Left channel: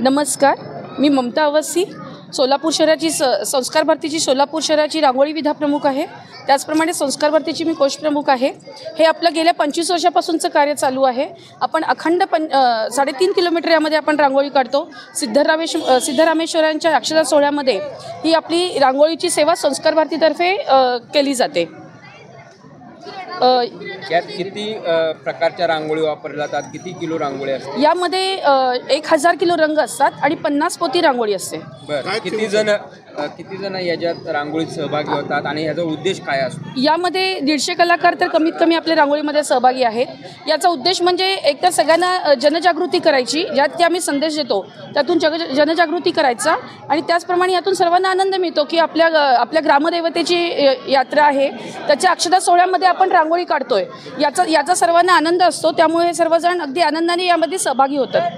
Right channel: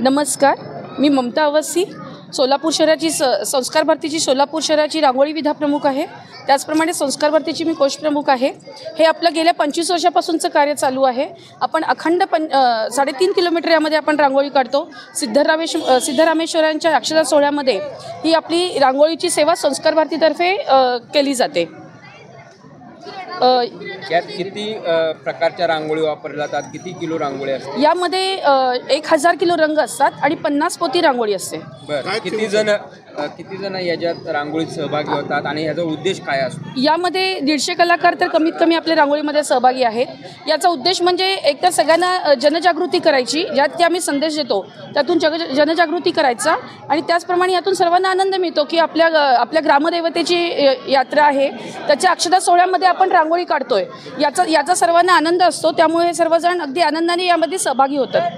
नमस्कार, मी ममता अवस्थी, सोलापूर शहराची संस्कार भारतीची सोलापूर शहराची रांगोळी विधा प्रमुख आहे। त्याचप्रमाणे संस्कार भारतीची मी कोष प्रमुख आहे। हे आपलं गेल्या 25 वर्षापासूनचं कार्य चालू आहे। आपण अखंड 3.5 किलोमीटर यामध्ये आपण रांगोळी काढतो। सिद्धरामेश्वरांच्या अक्षता सोहळ्यामध्ये ही आपली रांगोळीची सेवा संस्कार भारतीतर्फे केली जाते। यात किती प्रकारच्या रांगोळी वापरल्या जातात, किती किलो रांगोळी असते? यामध्ये 1000 किलो रंग असतात आणि 50 पोती रांगोळी असते। बरं, किती जण याच्यात रांगोळीत सहभागी होतात आणि याचा उद्देश काय असतो? यामध्ये 150 कलाकार तर कमीत कमी आपल्या रांगोळीमध्ये सहभागी आहेत। याचा उद्देश म्हणजे एकतर सगळ्यांना जनजागृती करायची, ज्यात की आम्ही संदेश देतो त्यातून जनजागृती करायचा आणि त्याचप्रमाणे यातून सर्वांना आनंद मिळतो की आपल्या ग्रामदेवतेची यात्रा आहे, त्याच्या अक्षता सोहळ्यामध्ये आपण रांगोळी काढतोय, याचा सर्वांना आनंद असतो। त्यामुळे सर्वजण अगदी आनंदाने यामध्ये सहभागी होतात।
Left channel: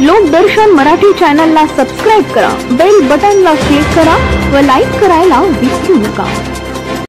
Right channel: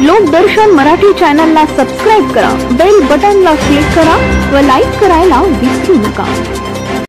लोकदर्शन मराठी चॅनलला सबस्क्राइब करा, बेल बटनला क्लिक करा व लाईक करायला विसरू नका।